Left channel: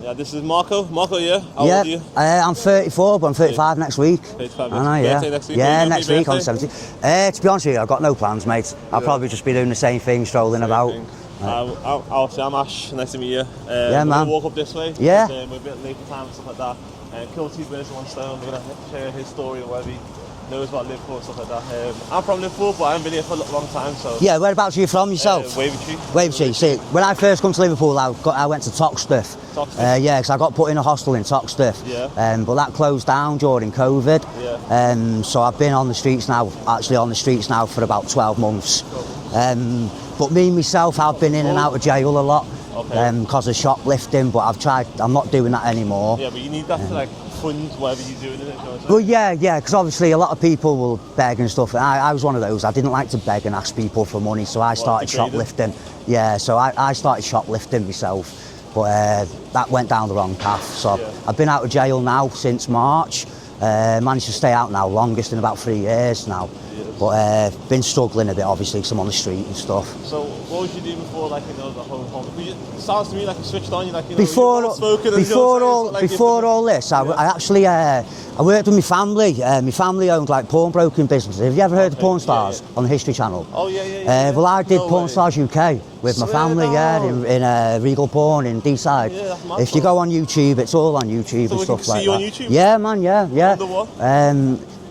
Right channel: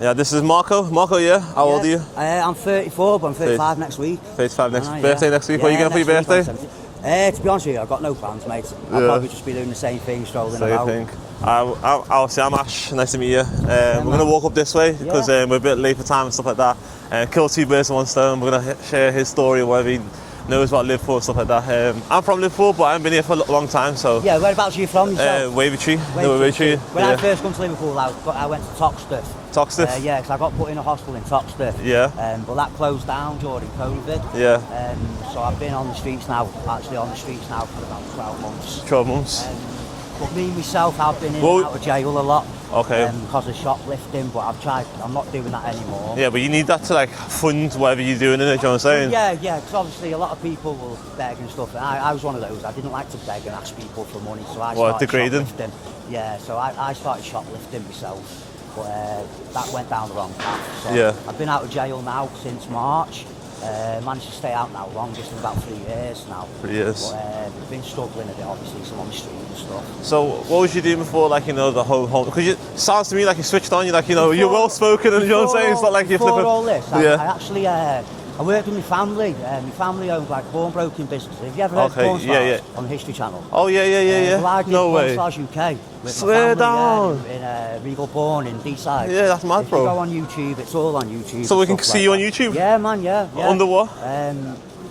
Yeah, this is Marco. Marco, yeah? How old are you? I'm 34, but I'm 35 next week. 35 next week. Birthday next week? What are you going for your birthday? To be honest with you, I've got no plans, mate. I'll probably just be doing the same thing, strolling about. I'm Ash. Nice to meet you. We're going to walk up this way because we're a bit late for time and stuff like that. Kill two birds with one stone. We're going to share his story, whatever he knows about Liverpool and stuff like that. I'm from Liverpool, but I haven't been here for a long time, so... Yeah, whereabouts are you from yourself? Wavertree. When I first come to Liverpool, I went to Toxteth. Toxteth? Yeah, because I got put in a hostel in Toxteth. Yeah. But that closed down during COVID. Yeah. So I've been on the streets now for about 12 months. 12 months? But me, myself, I've been in and out of jail a lot. Okay. Because of shoplifting, but I'm not doing that anymore. Yeah, but you need that to like fund whatever you're doing in it, do you know what I'm saying? Well, yeah, because obviously a lot of people will beg and stuff. I was one of those. I didn't like to beg and ask people for money, so I started shoplifting. Yeah, so I started shoplifting myself, but that went down the wrong path. So I've been out of jail now since March. Managed to stay out now, longest in about 3 years now. 3 years. But been struggling a bit, obviously, because I'm on the street and stuff. So what was you doing before, like, you know, the whole... Because it sounds to me like you switched on, you're like, you know, you're well-spoken and you know what I'm saying? It's not like before all this, I actually... I worked with my family. My family owned like pawnbroking businesses. Have you ever heard of Porn Stars on the History Channel? Oh, yeah. Well, I did Porn Stars UK with my family, in Regal Porn in D-Side. Yeah, that's mad, If you go on YouTube, it's all on YouTube. So we can see you on YouTube? Yeah, man, yeah. Under what?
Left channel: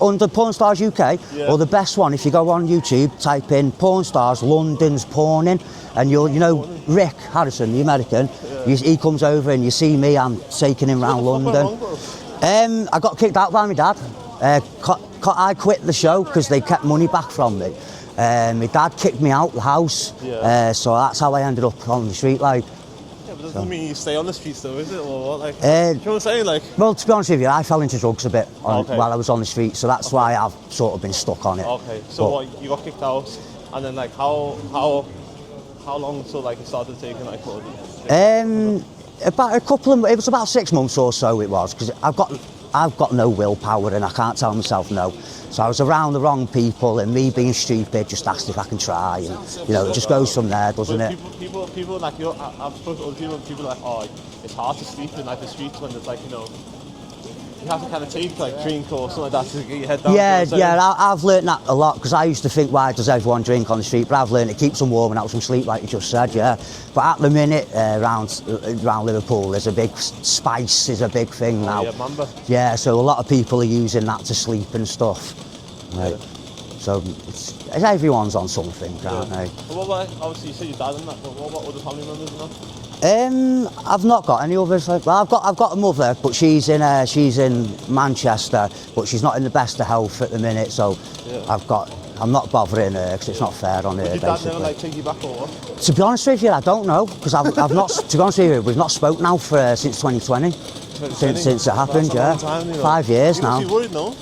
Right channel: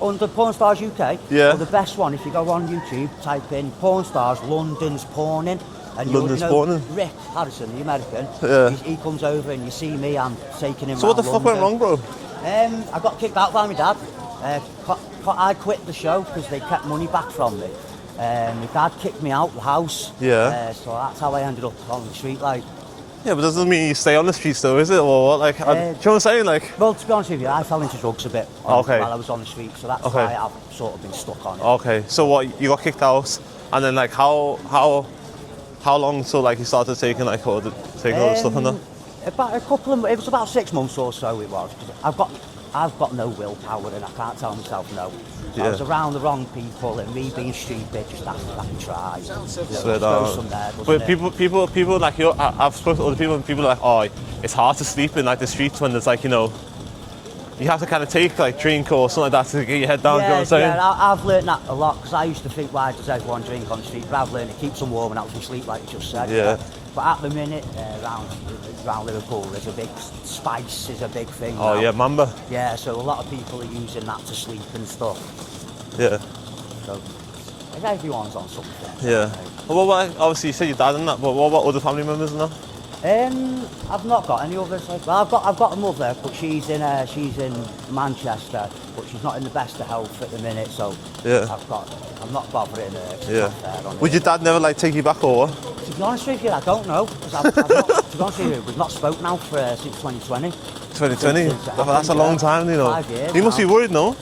Under Porn Stars UK. Yeah. Or the best one, if you go on YouTube, type in Porn Stars London's Porning, and you know, Rick Harrison, the American, he comes over and you see me, I'm taking him around London. What the fuck went wrong, bro? I got kicked out by my dad. I quit the show because they kept money back from me. My dad kicked me out the house. Yeah. So that's how I ended up on the street, like. Yeah, but doesn't mean you stay on the streets though, is it? Or what? Like, do you know what I'm saying? Like... Well, to be honest with you, I fell into drugs a bit while I was on the street, so that's why I've sort of been stuck on it. Okay, so what, you got kicked out, and then like how long till like you started taking like all the stuff and that? It was about 6 months or so it was, because I've got no willpower and I can't tell myself no. So I was around the wrong people, and me being stupid just asked if I can try, and, you know, it just goes from there, doesn't it? People like, you know, I've spoken to other people are like, oh, it's hard to sleep in like the streets when there's like, you know, you have to kind of take like drink or something like that to get your head down. I've learned that a lot, because I used to think, why does everyone drink on the street? But I've learned it keeps them warm and out from sleep, like you just said. But at the minute, around Liverpool, there's a big spice is a big thing now. Oh yeah, Mamba. Yeah, so a lot of people are using that to sleep and stuff. Yeah. So everyone's on something. Yeah. Well, obviously you said your dad and that, but what about other family members and that? I've not got any others. Well, I've got a mother, but she's in Manchester, but she's not in the best of health at the minute. So I'm not bothering her because it's not fair on her. Would your dad never like take you back or what? To be honest with you, I don't know, because I've not. To be honest with you, we've not spoke now since 2020. 2020. Since it happened. That's a long time, you know. 5 years. You must be worried, no?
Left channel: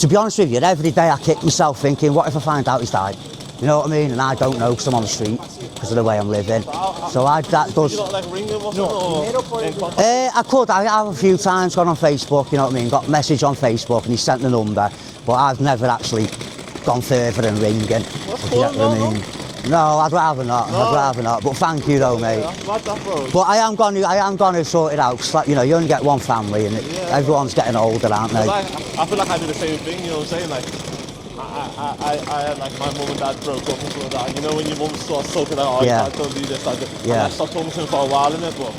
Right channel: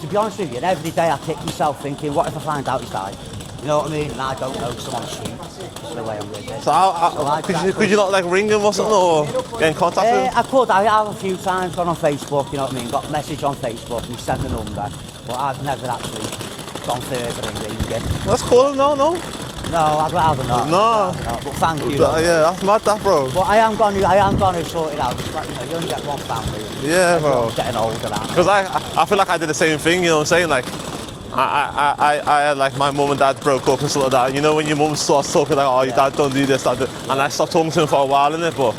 To be honest with you, every day I kick myself thinking, what if I find out he's died? You know what I mean? And I don't know because I'm on the street, because of the way I'm living. Could you not like ring him or something, or get in contact with him? I have a few times gone on Facebook, you know what I mean? Got a message on Facebook and he sent the number, but I've never actually gone further than ringing. That's cool, no? No, I'd rather not. No. I'd rather not. But thank you, though, mate. Yeah, that's mad, that, bro. But I am going to sort it out. It's like, you know, you only get one family, and everyone's getting older, aren't they? Because I feel like I did the same thing. You know what I'm saying? Like, I had like my mum and dad broke up and stuff like that. You know when your mum starts talking like, oh, your dad don't do this, that, and I stopped talking to him for a while, innit? But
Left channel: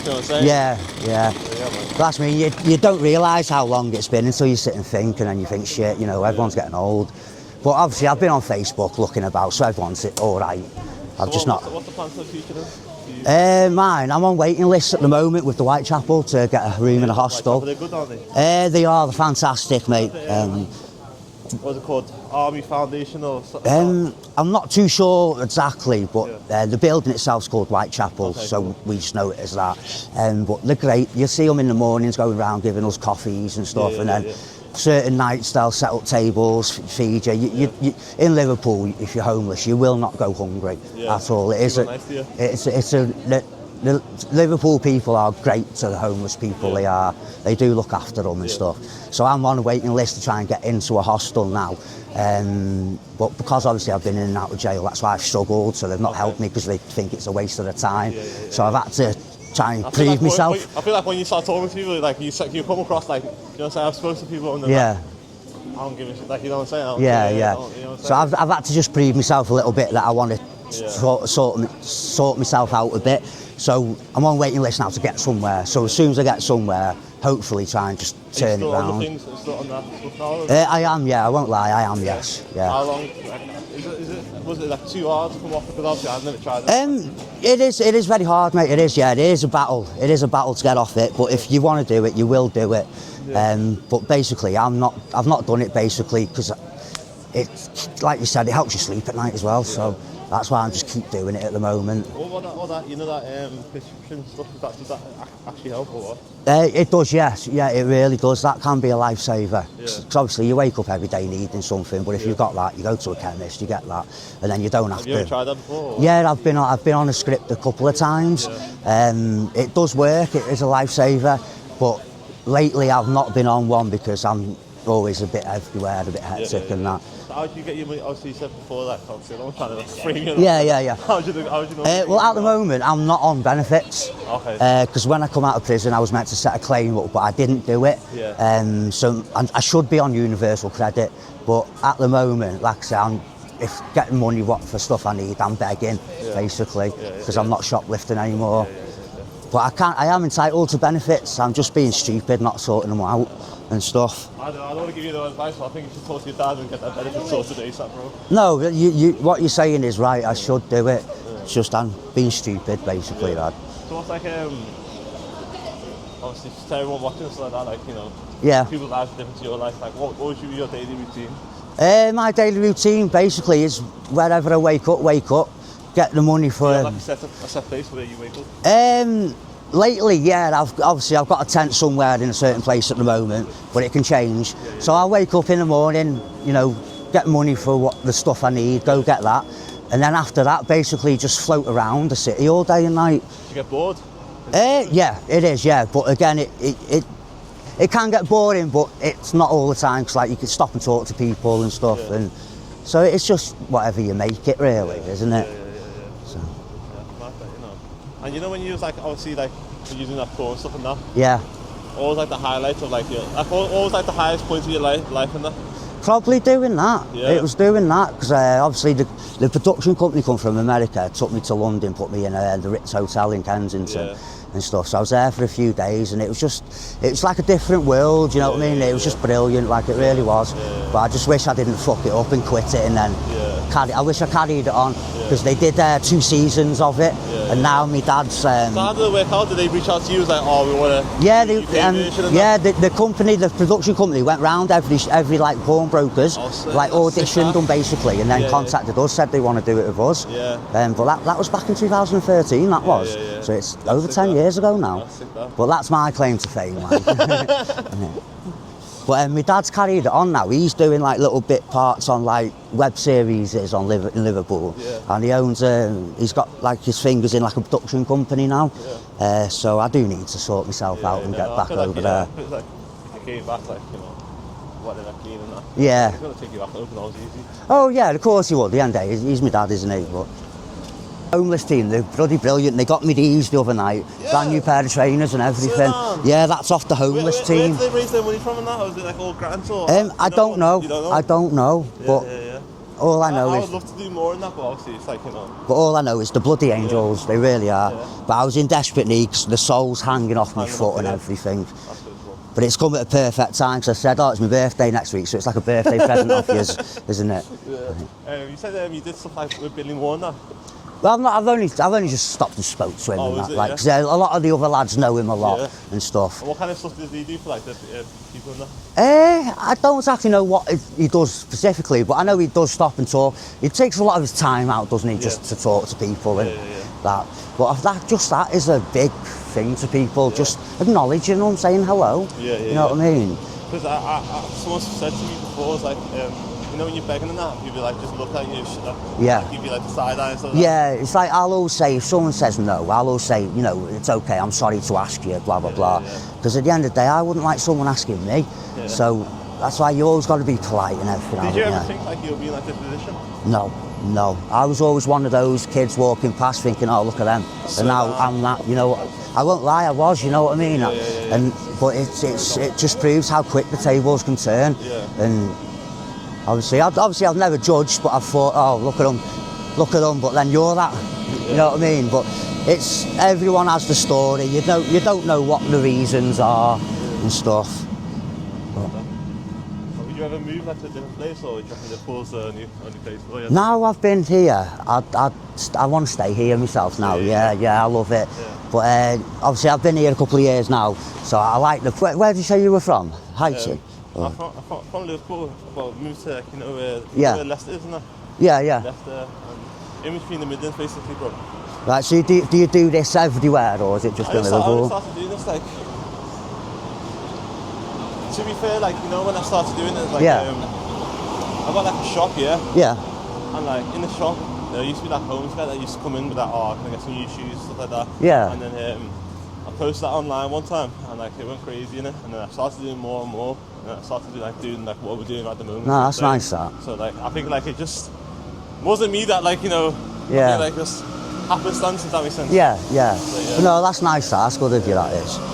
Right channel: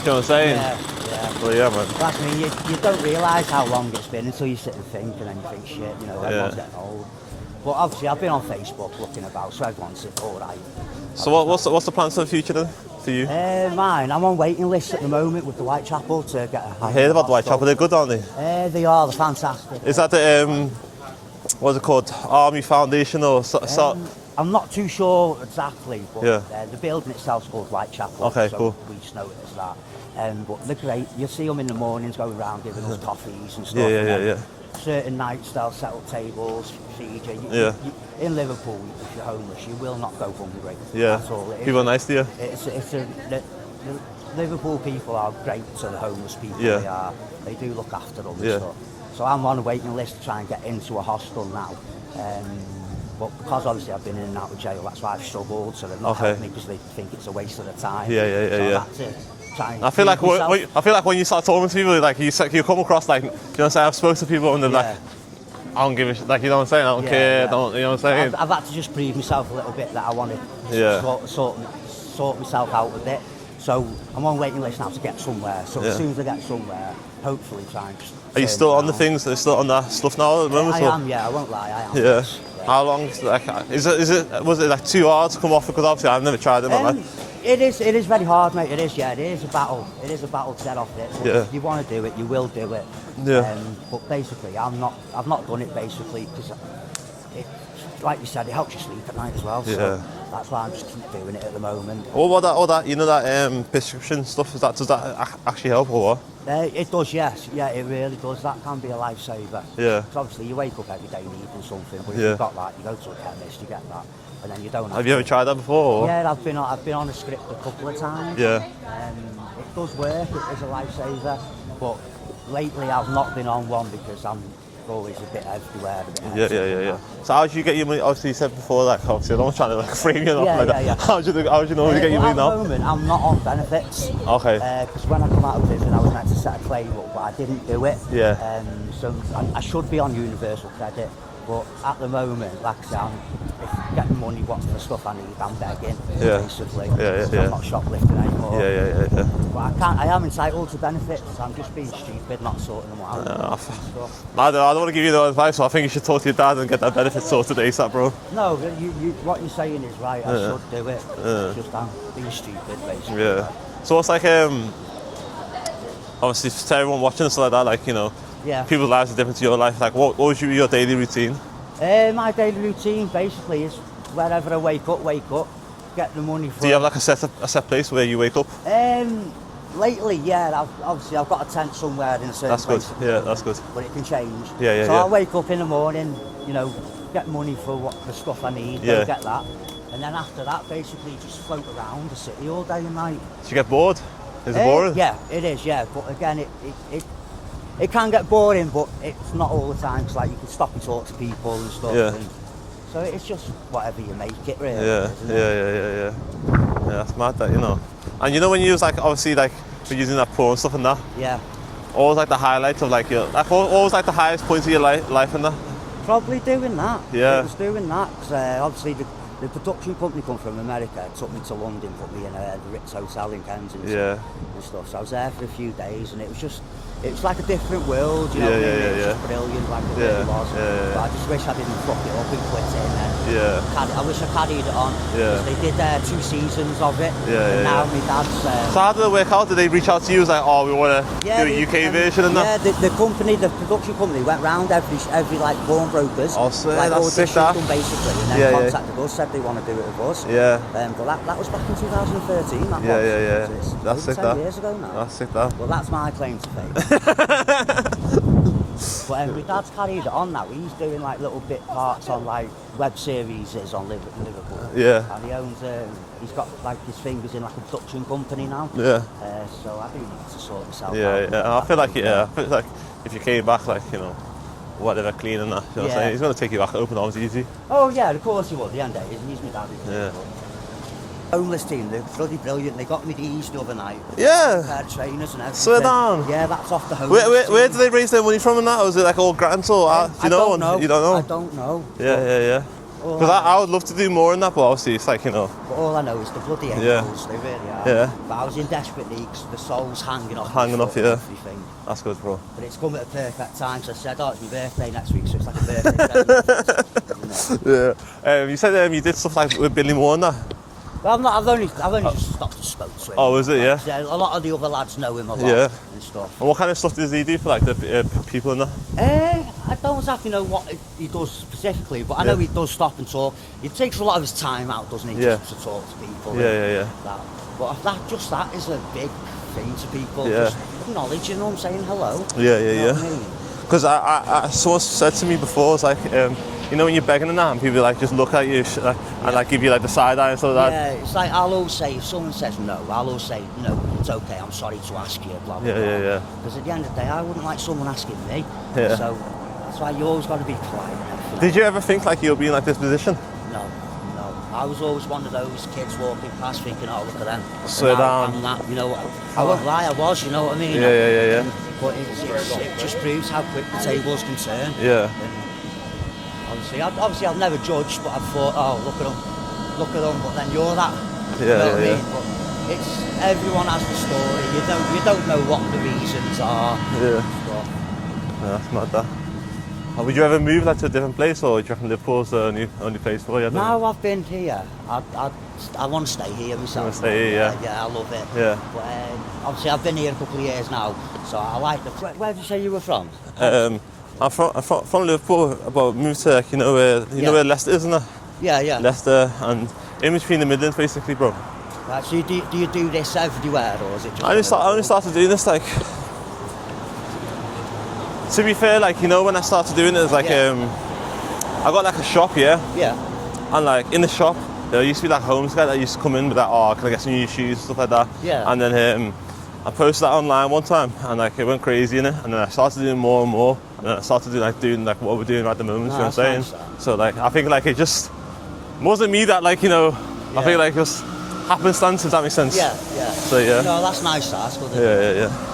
you know what I'm saying? Yeah. Well, yeah, man. That's I mean, you don't realise how long it's been until you sit and think, and then you think, shit, you know, everyone's getting old. But obviously, I've been on Facebook looking about, so everyone's all right. So what's the plans for the future then, for you? Mine, I'm on waiting lists at the moment with the Whitechapel to get a room in the hostel. I heard about Whitechapel, they're good, aren't they? They are, they're fantastic, Is that the, what's it called, Army Foundation or something? I'm not too sure exactly, but the building itself's called Whitechapel, so we just know it as that. But they're great. You'll see them in the mornings going around giving us coffees and stuff. Certain nights they'll set up tables, feed you. In Liverpool, if you're homeless, you will not go hungry at all. People are nice to you. The Liverpool people are great to the homeless people. They do look after them and stuff. So I'm on a waiting list to try and get into a hostel now. But because obviously I've been in and out of jail, that's why I've struggled. So they've not helped me because they think it's a waste of their time. So I've had to try and I feel like myself. I feel like when you start talking to people, like you come across like, you know what I'm saying, I've spoken to people and they're like, I don't give a shit, like, you know what I'm saying, I don't care, you know what I'm saying. So I've had to just prove myself a little bit that I want to sort myself out a bit. So I'm on waiting list now to get somewhere. So as soon as I get somewhere, hopefully try and just Are you still on the things? Are you still on that stuff now? I am, I won't lie, I am, yes. Yeah. How long, like, was it like too hard to come off? Because obviously I've never tried it. It is very hard, mate, it is a battle. It is a battle to get off it, but if you want to do it, you will do it. But basically, I've not done it basically because like you said, it helps you sleep at night as well, so that's why I just keep doing it at the moment. All that, you know, that prescription stuff, does that actually help or what? It does, yes. Yeah, it really does. That can be a lifesaver. Yeah. Because obviously you wake up every day needing something, but if you've got that, you go to a chemist, you get that, and then you don't have to. Have you ever tried that before? Or? Yeah, I've been on a script a couple of times. Yeah. It does work. It is a lifesaver, but lately I've not been on one because I'm always a bit everywhere, a bit hectic and that. So how did you get your money? Obviously you said before that, obviously I don't want to like frame you. Yeah. How did you normally get your money at the moment I'm not on benefits. Okay. Because when I come out of prison I was meant to set a claim up, but I didn't do it. Yeah. So I should be on universal credit, but at the moment, like I say, I'm getting money for stuff I need. I'm begging, basically, because I'm not shoplifting anymore. Yeah. But I am entitled to benefits. I'm just being stupid, not sorting them out and stuff. I don't want to give you no advice, so I think you should talk to your dad and get that benefit sorted ASAP, bro. No, what you're saying is right. I should do it. It's just I'm being stupid, basically. Dad. So what's like, obviously to everyone watching and stuff like that, like, you know, people's lives are different to your life. Like, what was your daily routine? My daily routine basically is wherever I wake up, get the money for. Do you have like a set place where you wake up? Lately, I've got a tent somewhere in a certain place at the moment, but it can change. So I'll wake up in the morning, you know, get money for the stuff I need, go get that, and then after that, basically just float around the city all day and night. Do you get bored? Is it boring? Yeah, it is. Yeah, but again, it can get boring, but it's not all the time. Cause like you can stop and talk to people and stuff, and so it's just whatever you make it, really, isn't it? Yeah. Yeah, that's mad, that, you know. And you know when you was like, obviously, like for using that porn stuff and that. Yeah. What was like the highlights of like your, like what was like the highest point of your life and that? Probably doing that. Yeah. It was doing that because obviously the production company come from America, took me to London, put me in the Ritz Hotel in Kensington and stuff. So I was there for a few days and it was like a different world, you know what I mean? It was just brilliant, like it really was. But I just wish I didn't fuck it up and quit it and then I wish I carried it on because they did 2 seasons of it and now my dad's... So how did it work out? Did they reach out to you? Was like, oh, we want to do a UK version of that? Yeah, the production company went round every like porn brokers, like auditioned them basically and then contacted us, said they want to do it with us. But that was back in 2013, that was. So it's over 10 years ago now. That's sick, that. Well, that's my claim to fame. But my dad's carried it on now. He's doing like little bit parts on like web series in Liverpool. And he owns, he's got like his fingers in like a production company now. So I do need to sort myself out and get back I over feel like if you came back, like, you know, whatever, clean and that. You know, he's going to take you back open arms easy. Oh yeah, of course he will. At the end of the day, he's my dad, isn't he? But homeless team, they're bloody brilliant. They got me these the other night. Brand new pair of trainers and everything. Yeah, that's off the homeless team. Where do they raise their money from and that? Or is it like all grants or? I don't know. You don't know? I don't know. Yeah. I would love to do more in that, but obviously it's like, you know. But all I know is the bloody angels, they really are. But I was in desperate need because the soul's hanging off my foot and everything. That's good, bro. But it's come at a perfect time because I said, it's my birthday next week, so it's like a birthday present off you, isn't it? Yeah. You said you did stuff like with Billy Moore and that? Well, I've only just stopped and spoke to him. Oh, is it? Like, 'cause a lot of the other lads know him a lot and stuff. And what kind of stuff does he do for like the people in that? I don't exactly know what he does specifically, but I know he does stop and talk. He takes a lot of his time out, doesn't he, just to talk to people and that. But that is a big thing to people, just acknowledging them, saying hello. You know what I mean? Because someone said to me before, it's like, you know when you're begging and that, and people like just look at you and like give you like the side eye and stuff like that? Yeah, it's like I'll always say, if someone says no, I'll always say, you know, it's okay, I'm sorry to ask you, blah, blah, blah. Because at the end of the day, I wouldn't like someone asking me. So that's why you always got to be polite and everything. Did you ever think like you'll be in like this position? No. No, I was always one of those kids walking past thinking, oh, look at them. So and now I'm that, you know. I won't lie, I was, you know what I mean? Yeah. But it just proves how quick the tables can turn. Yeah. And obviously I've never judged, but I've thought, oh, look at them, but then you're that. You know what I mean? But it's, everyone has the story. You don't know what the reasons are and stuff. Yeah, that's mad that. Would you ever move like to a different place, or do you reckon Liverpool's the only place for you? No, I've been here. I want to stay here myself now. Yeah, I love it. Yeah. But obviously I've been here a couple of years now, so I like the. Where did you say you were from? I'm from Liverpool, but moved to like, you know where Leicester is, isn't it? Yeah. Leicester and in between the Midlands, basically, bro. Right. So do you do this everywhere, or is it just? I only started doing this like. To be fair, like, you know, when I started doing it, like, I got like a shop, Yeah. And like in the shop, there used to be like homeless guy that used to come in with like, oh, can I get some new shoes, stuff like that. Yeah. And then I posted that online one time, and like it went crazy in it. And then I started doing more and more, and then I started doing like what we're doing at the moment. No, that's nice. That. So like I think like it just wasn't me that, like, you know, I think like just happenstance, if that makes sense. Yeah. So yeah. No, that's nice. That's good to do that. Yeah.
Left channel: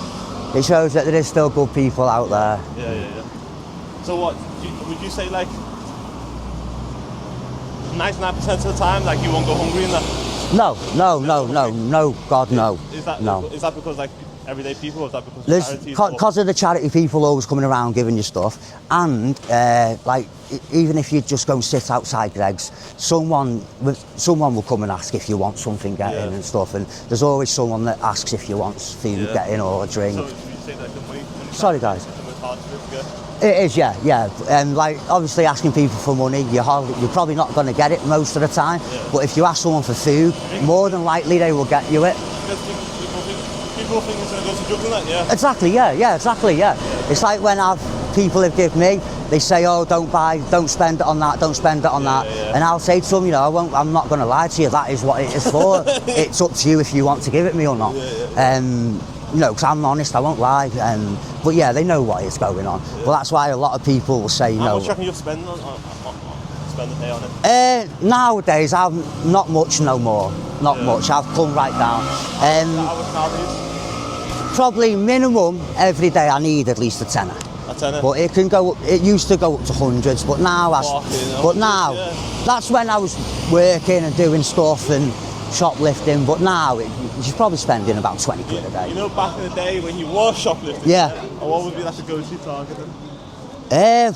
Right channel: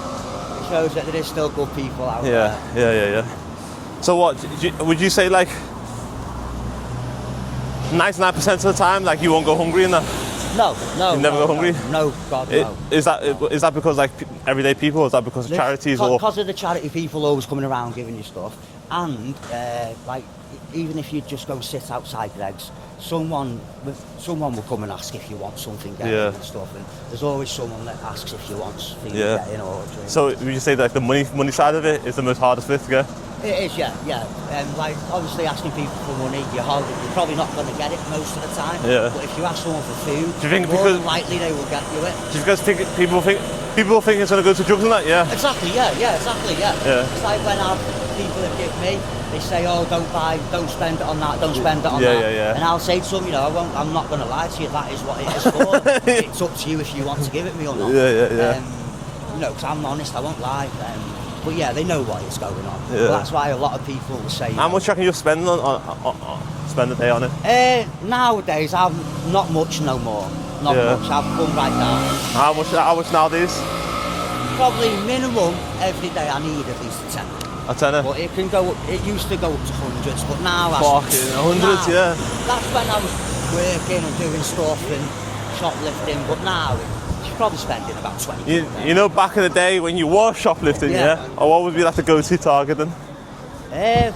It shows that there is still good people out there. Yeah. So what, would you say like 99% of the time, like you won't go hungry in that? No, God, no. Is that because like everyday people, or is that because of charities? Because of the charity people always coming around giving you stuff, and like even if you just go sit outside Greg's, someone will come and ask if you want something getting and stuff, and there's always someone that asks if you want food getting or a drink. So would you say that the money side of it is the most hardest bit to get? It is, yeah. And like obviously asking people for money, you're probably not going to get it most of the time. Yeah. But if you ask someone for food, more than likely they will get you it. Do you guys think people think it's going to go to drugs and that? Yeah. Exactly. Yeah. It's like when people have given me, they say, oh, don't spend it on that, don't spend it on that. Yeah. And I'll say to them, you know, I'm not going to lie to you, that is what it is for. It's up to you if you want to give it me or not. Yeah. You know, because I'm honest, I won't lie. But yeah, they know what is going on. Yeah. But that's why a lot of people will say, How much reckon you spend spend a day on it? Nowadays, I've not much no more. Not much. I've come right down. How much nowadays? Probably minimum every day I need at least a tenner. A tenner? But it used to go up to hundreds, but now that's when I was working and doing stuff and shoplifting, but now you're probably spending about 20 quid a day. You know, back in the day when you were shoplifting, or what would be like the go-to target then?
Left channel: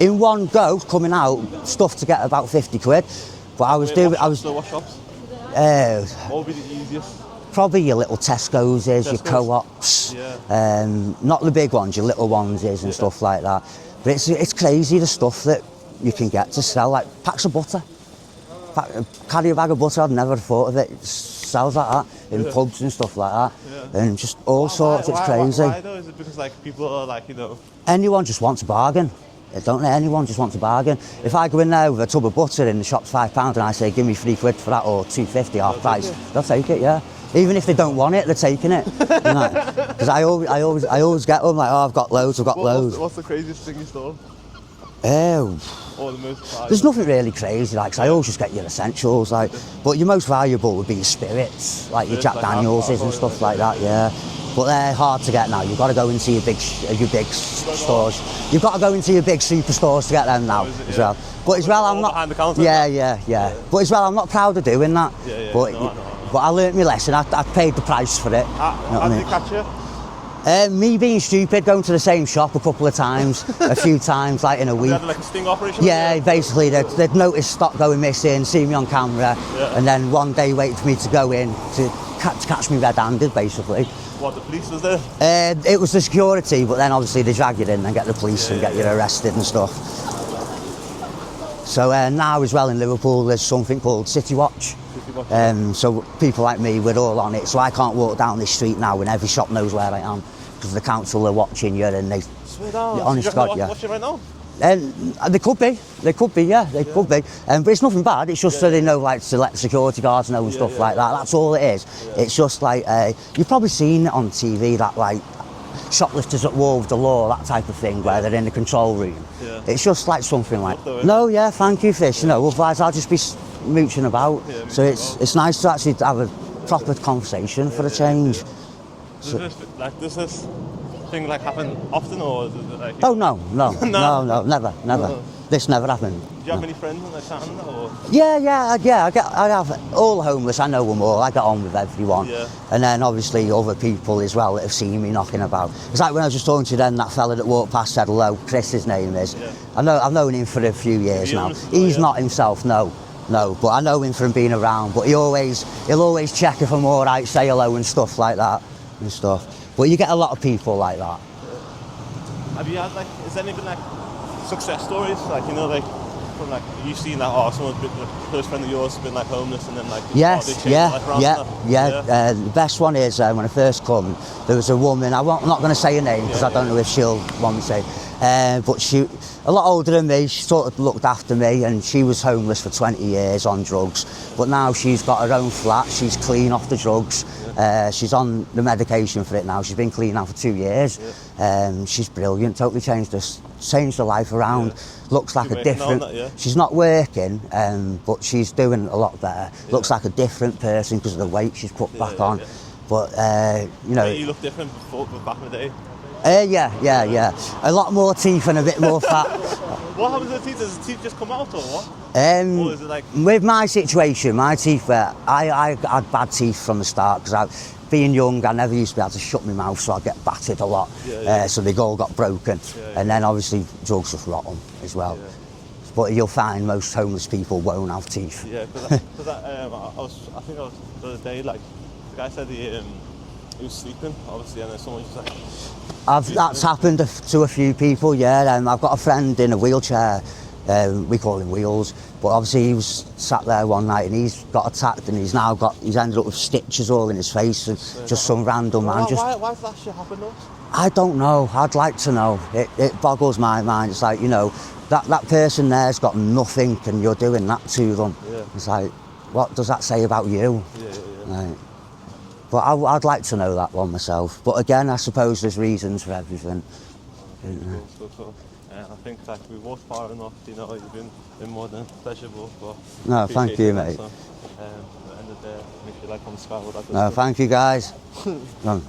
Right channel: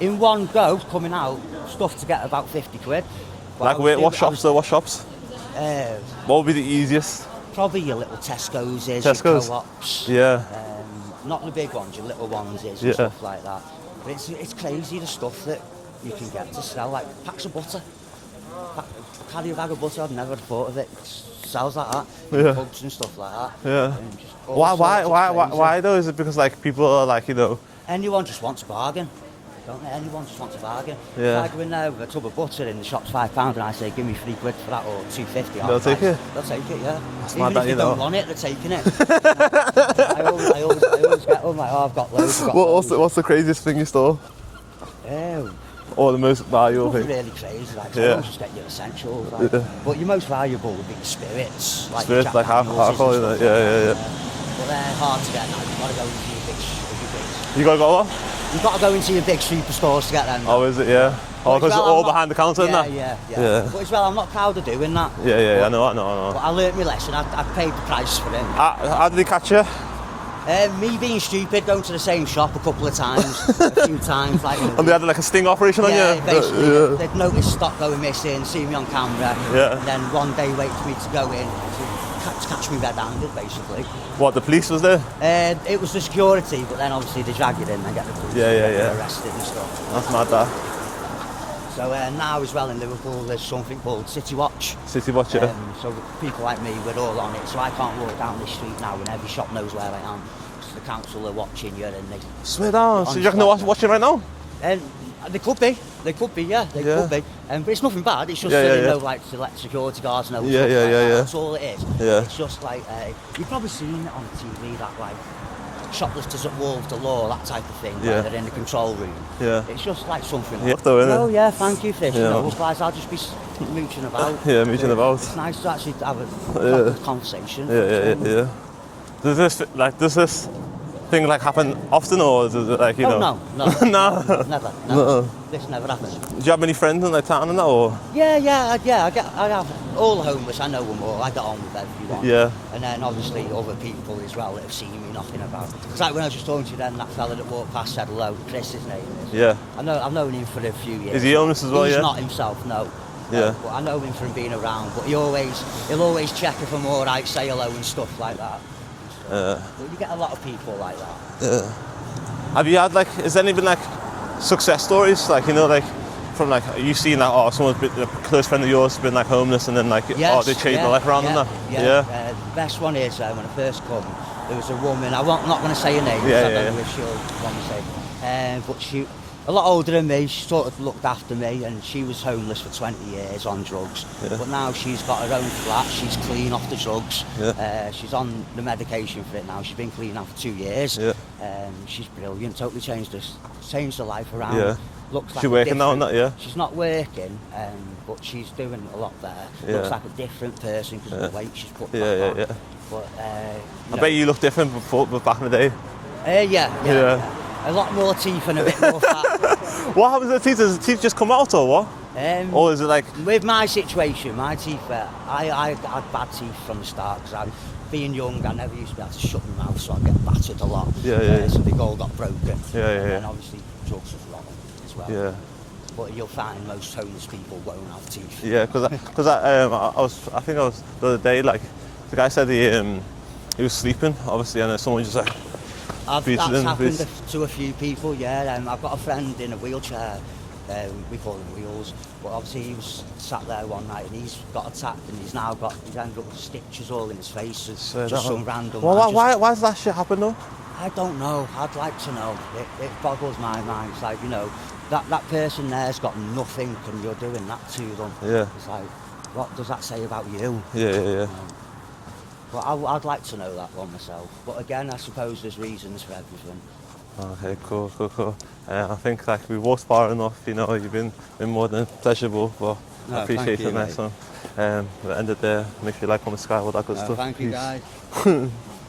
In one go, coming out, stuff to get about 50 quid. But What shops? What would be the easiest? Probably your little Tesco's, your Co-ops. Yeah. Not the big ones, your little ones and stuff like that. But it's crazy the stuff that you can get to sell, like packs of butter. Carry a bag of butter, I've never thought of it. It sells like that in pubs and stuff like that. Yeah. And just all sorts, it's crazy. Why though? Is it because like people are like, you know... Anyone just wants a bargain. Don't they? Anyone just wants a bargain. Yeah. If I go in there with a tub of butter and the shop's £5 and I say, give me 3 quid for that, or 2.50 half price, they'll take it, yeah. Even if they don't want it, they're taking it. Because I always get them like, oh, I've got loads, What's the craziest thing you stole? Or the most valuable There's nothing thing? really crazy, like, I always just get your essentials, like, but your most valuable would be your spirits, like your Jack Daniels and stuff like that, But they're hard to get now. You've got to go into your big stores. You've got to go into your big superstores to get them now. Oh, is it? Yeah. But all behind the counter. Yeah. But as well, I'm not proud of doing that. I know. But I learnt my lesson. I paid the price for it. How did they catch you? Me being stupid, going to the same shop a couple of times, a few times, like in a week. And they had like a sting operation on you? Yeah, basically, they'd noticed stock going missing, see me on camera, and then one day wait for me to go in to catch me red-handed, basically. What, the police was there? It was the security, but then obviously they drag you in and get the police and get you arrested and stuff. That's mad, that. So now as well in Liverpool, there's something called City Watch. City Watch, yeah. So people like me, we're all on it. So I can't walk down this street now and every shop knows where I am because the council are watching you and they... Swear down. So you reckon they're watching right now? They could be, could be. But it's nothing bad. It's just so they know, like, to let security guards know and stuff like that. That's all it is. It's just like you've probably seen it on TV that like shoplifters at war with the law, that type of thing, where they're in the control room. Yeah. It's just like something like... Though, no, yeah, thank you for this. No, otherwise I'll just be mooching about. Yeah, mooching about. It's nice to actually have a proper conversation for a change. Yeah. Does this thing like happen often, or is it like, you know? No, never. No. This never happened. Do you have many friends in the town and that, or? Yeah, I have all the homeless. I know them all. I get on with everyone. Yeah. And then obviously other people as well that have seen me knocking about. It's like when I was just talking to you then, that fella that walked past said hello. Chris, his name is. Yeah. I've known him for a few years. Is he now. homeless as well? He's not himself, no. Yeah. But I know him from being around. But he'll always check if I'm all right, say hello and stuff like that. And stuff. Yeah. But you get a lot of people like that. Have you had has there any been like success stories, like, you know, like from like you seen that, or someone's been a close friend of yours has been like homeless and then like they changed their life around? The best one is when I first come, there was a woman. I'm not going to say her name because I don't know if she'll want me to say. But she, a lot older than me, she sort of looked after me, and she was homeless for 20 years on drugs. Yeah. But now she's got her own flat, she's clean off the drugs. Yeah. She's on the medication for it now. She's been clean now for 2 years. Yeah. She's brilliant, totally changed her life around. Yeah. Looks like a different... She's not working, but she's doing a lot better. Yeah. Looks like a different person because of the weight she's put back on. Yeah. But, you know... I bet you look different before, back in the day. Yeah. A lot more teeth and a bit more fat. What happens to the teeth? Does the teeth just come out or what? Or is it like... With my situation, my teeth, I had bad teeth from the start because being young, I never used to be able to shut my mouth, so I'd get battered a lot. So they all got broken. And then obviously drugs just rot them as well. Yeah. But you'll find most homeless people won't have teeth. Yeah, because I think I was the other day, like, the guy said he was sleeping, obviously, and then someone just like... That's happened to a few people, yeah. I've got a friend in a wheelchair, we call him Wheels, but obviously he was sat there one night and he's got attacked and he's ended up with stitches all in his face and just some random man. Why does that shit happen though? I don't know, I'd like to know. It boggles my mind. It's like, you know, that person there's got nothing and you're doing that to them. Yeah. It's like, what does that say about you? Yeah. Like, but I'd like to know that one myself. But again, I suppose there's reasons for everything. Okay, cool. I think like we walked far enough, you know, you've been more than pleasurable. But no, thank you, mate. We'll end it there. Make sure you like, comment, subscribe, all that good stuff. Thank you, guys. No.